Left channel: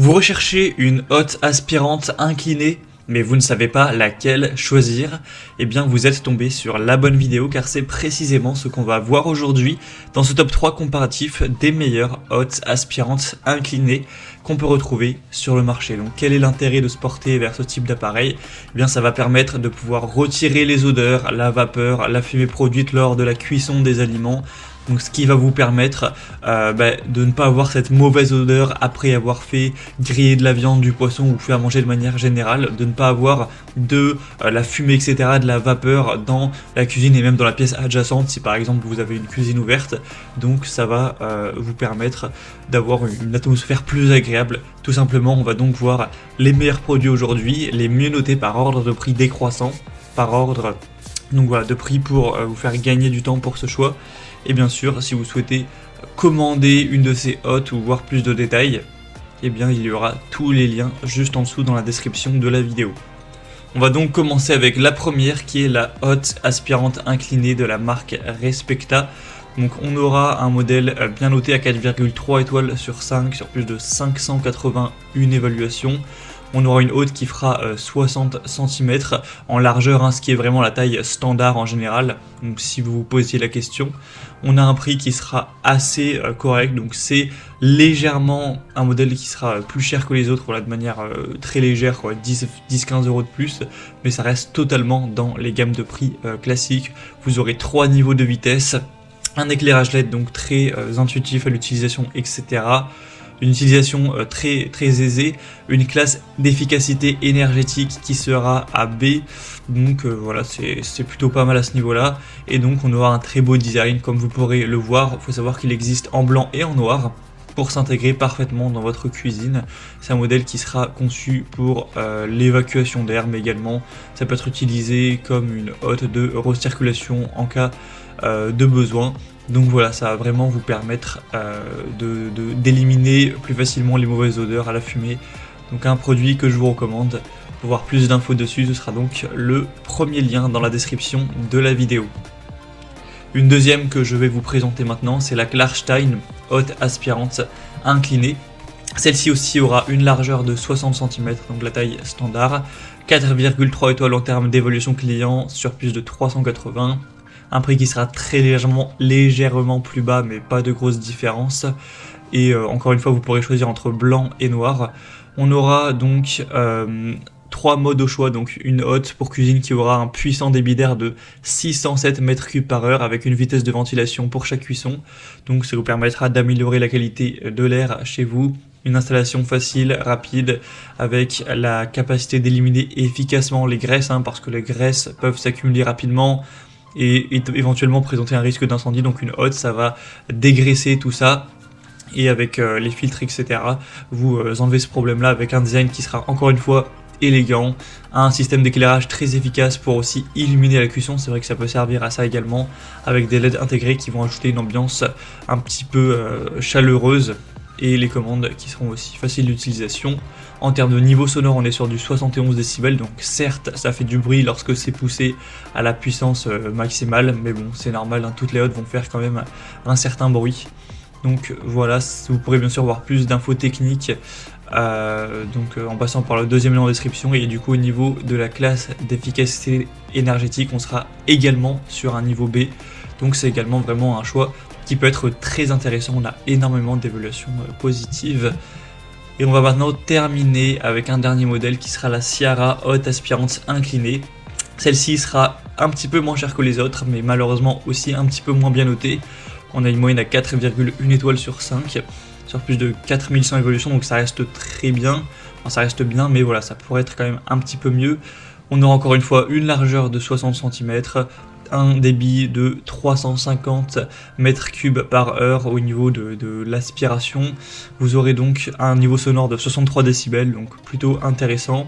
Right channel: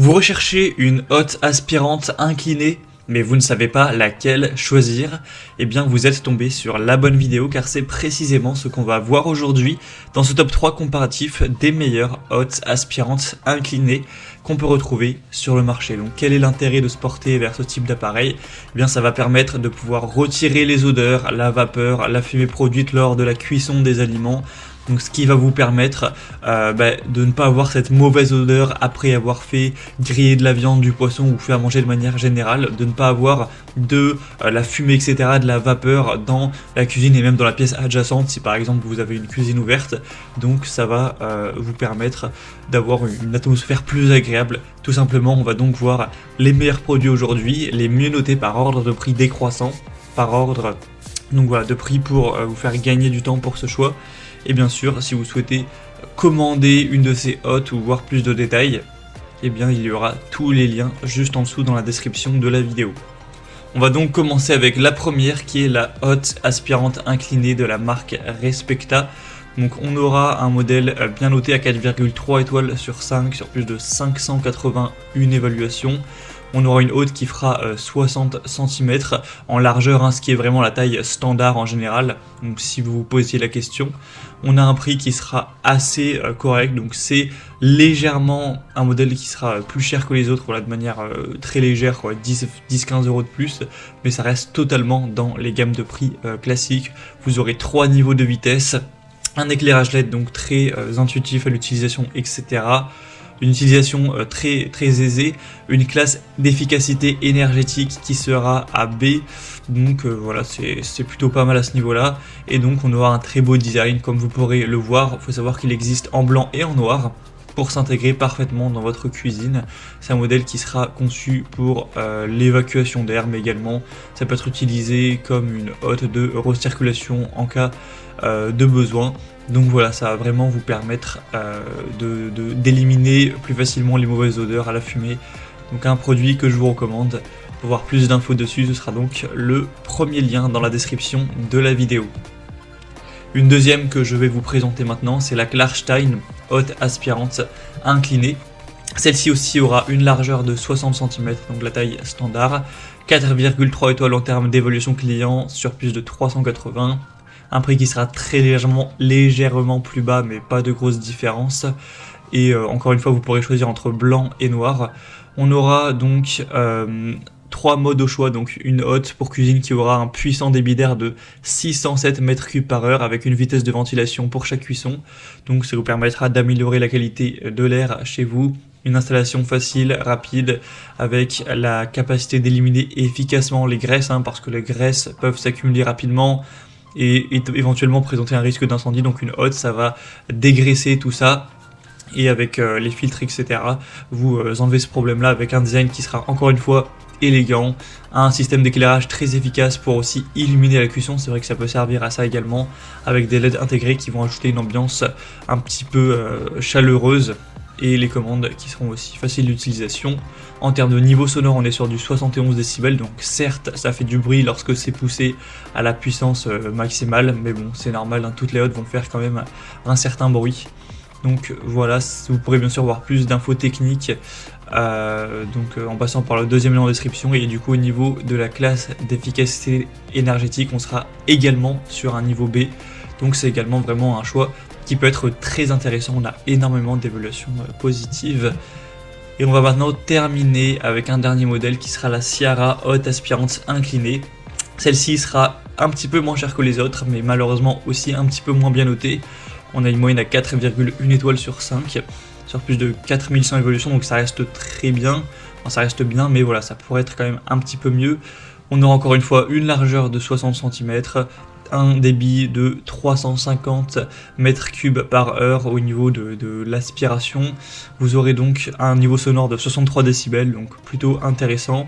Vous recherchez une hotte aspirante inclinée, mais vous ne savez pas laquelle choisir. Eh bien, vous êtes tombé sur la bonne vidéo car c'est précisément ce qu'on va voir aujourd'hui dans ce top 3 comparatif des meilleures hottes aspirantes inclinées qu'on peut retrouver sur le marché. Donc, quel est l'intérêt de se porter vers ce type d'appareil? Eh bien, ça va permettre de pouvoir retirer les odeurs, la vapeur, la fumée produite lors de la cuisson des aliments. Donc, ce qui va vous permettre de ne pas avoir cette mauvaise odeur après avoir fait griller de la viande, du poisson ou faire manger de manière générale, de ne pas avoir de la fumée, etc., de la vapeur dans la cuisine et même dans la pièce adjacente. Si par exemple vous avez une cuisine ouverte, donc ça va vous permettre d'avoir une atmosphère plus agréable. Tout simplement, on va donc voir les meilleurs produits aujourd'hui, les mieux notés par ordre de prix décroissant, par ordre donc voilà, de prix pour vous faire gagner du temps pour ce choix. Et bien sûr, si vous souhaitez commander une de ces hottes ou voir plus de détails, eh bien il y aura tous les liens juste en dessous dans la description de la vidéo. On va donc commencer avec la première qui est la hotte aspirante inclinée de la marque Respecta. Donc on aura un modèle bien noté à 4,3 étoiles sur 5 sur plus de 581 évaluations. On aura une hotte qui fera 60 cm en largeur, ce qui est vraiment la taille standard en général. Donc si vous vous posiez la question, on a un prix qui sera assez correct. Donc c'est légèrement un modèle qui sera plus cher que les autres, de manière très légère, 10-15 euros de plus. Mais ça reste totalement dans les gammes de prix classiques. Vous aurez 3 niveaux de vitesse, un éclairage LED donc très intuitif à l'utilisation, etc. Une utilisation très aisée, une classe d'efficacité énergétique qui sera à B, donc voilà, c'est plutôt pas mal à ce niveau-là, et donc on aura un très beau design, comme vous pourrez le voir. Il faut savoir qu'il existe en blanc et en noir pour s'intégrer parfaitement dans votre cuisine. C'est un modèle qui sera conçu pour l'évacuation d'air, mais également ça peut être utilisé comme une hotte de recirculation en cas de besoin. Donc voilà, ça va vraiment vous permettre d'éliminer plus facilement les mauvaises odeurs à la fumée. Donc un produit que je vous recommande. Pour voir plus d'infos dessus, ce sera donc le premier lien dans la description de la vidéo. Une deuxième que je vais vous présenter maintenant, c'est la Klarstein hotte aspirante inclinée. Celle-ci aussi aura une largeur de 60 cm, donc la taille standard. 4,3 étoiles en termes d'évolution client sur plus de 380. Un prix qui sera très légèrement plus bas, mais pas de grosse différence. Et encore une fois, vous pourrez choisir entre blanc et noir. On aura donc 3 modes au choix, donc une hotte pour cuisine qui aura un puissant débit d'air de 607 m3 par heure avec une vitesse de ventilation pour chaque cuisson. Donc ça vous permettra d'améliorer la qualité de l'air chez vous. Une installation facile, rapide, avec la capacité d'éliminer efficacement les graisses, parce que les graisses peuvent s'accumuler rapidement et éventuellement présenter un risque d'incendie. Donc une hotte, ça va dégraisser tout ça. Et avec les filtres, etc., vous enlevez ce problème-là avec un design qui sera encore une fois élégant, un système d'éclairage très efficace pour aussi illuminer la cuisson. C'est vrai que ça peut servir à ça également, avec des LED intégrés qui vont ajouter une ambiance un petit peu chaleureuse, et les commandes qui seront aussi faciles d'utilisation. En termes de niveau sonore, on est sur du 71 décibels, donc certes ça fait du bruit lorsque c'est poussé à la puissance maximale, mais bon, c'est normal, toutes les hottes vont faire quand même un certain bruit. Donc voilà, vous pourrez bien sûr voir plus d'infos techniques en passant par le deuxième lien en description. Et du coup, au niveau de la classe d'efficacité énergétique, on sera également sur un niveau B, donc c'est également vraiment un choix qui peut être très intéressant. On a énormément d'évaluations positives. Et on va maintenant terminer avec un dernier modèle qui sera la Ciara hotte aspirante inclinée. Celle-ci sera un petit peu moins chère que les autres, mais malheureusement aussi un petit peu moins bien notée. On a une moyenne à 4,1 étoiles sur 5, sur plus de 4100 évolutions, donc ça reste très bien. Enfin, ça reste bien, mais voilà, ça pourrait être quand même un petit peu mieux. On aura encore une fois une largeur de 60 cm, un débit de 350 m3 par heure au niveau de l'aspiration. Vous aurez donc un niveau sonore de 63 décibels, donc plutôt intéressant.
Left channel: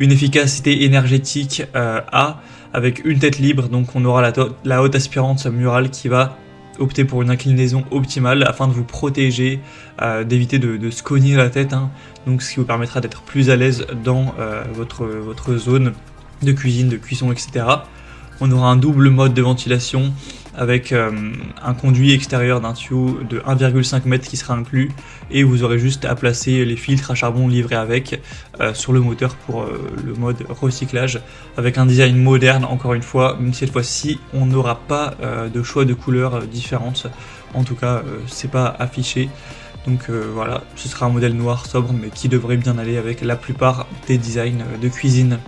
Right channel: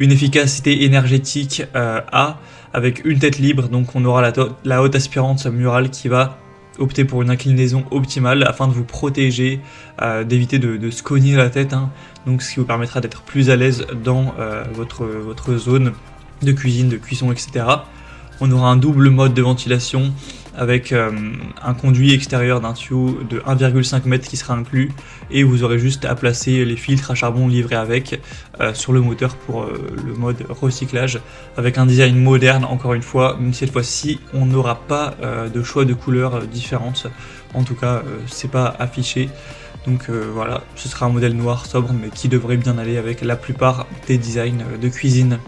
Une efficacité énergétique A avec une tête libre, donc on aura la hotte aspirante murale qui va opter pour une inclinaison optimale afin de vous protéger, d'éviter de se cogner la tête, donc ce qui vous permettra d'être plus à l'aise dans votre zone de cuisine, de cuisson, etc. On aura un double mode de ventilation avec un conduit extérieur d'un tuyau de 1,5 m qui sera inclus, et vous aurez juste à placer les filtres à charbon livrés avec sur le moteur pour le mode recyclage, avec un design moderne encore une fois, mais cette fois-ci on n'aura pas de choix de couleurs différentes, en tout cas c'est pas affiché, donc voilà, ce sera un modèle noir sobre mais qui devrait bien aller avec la plupart des designs de cuisine.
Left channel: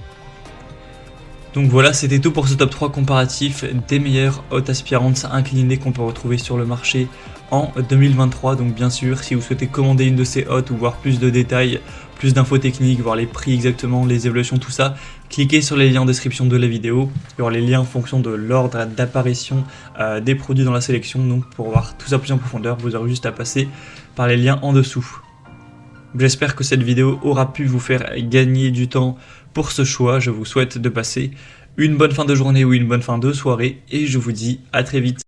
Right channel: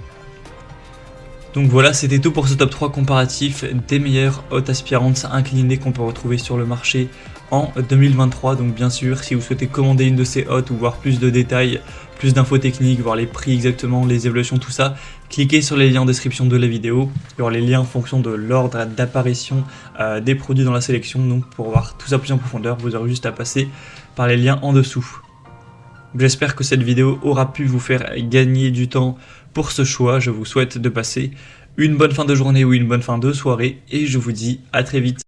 Donc voilà, c'était tout pour ce top 3 comparatif des meilleures hautes aspirantes inclinées qu'on peut retrouver sur le marché en 2023. Donc bien sûr, si vous souhaitez commander une de ces hottes ou voir plus de détails, plus d'infos techniques, voir les prix exactement, les évaluations, tout ça, cliquez sur les liens en description de la vidéo. Il y aura les liens en fonction de l'ordre d'apparition des produits dans la sélection. Donc pour voir tout ça plus en profondeur, vous aurez juste à passer par les liens en dessous. J'espère que cette vidéo aura pu vous faire gagner du temps pour ce choix. Je vous souhaite de passer une bonne fin de journée ou une bonne fin de soirée et je vous dis à très vite.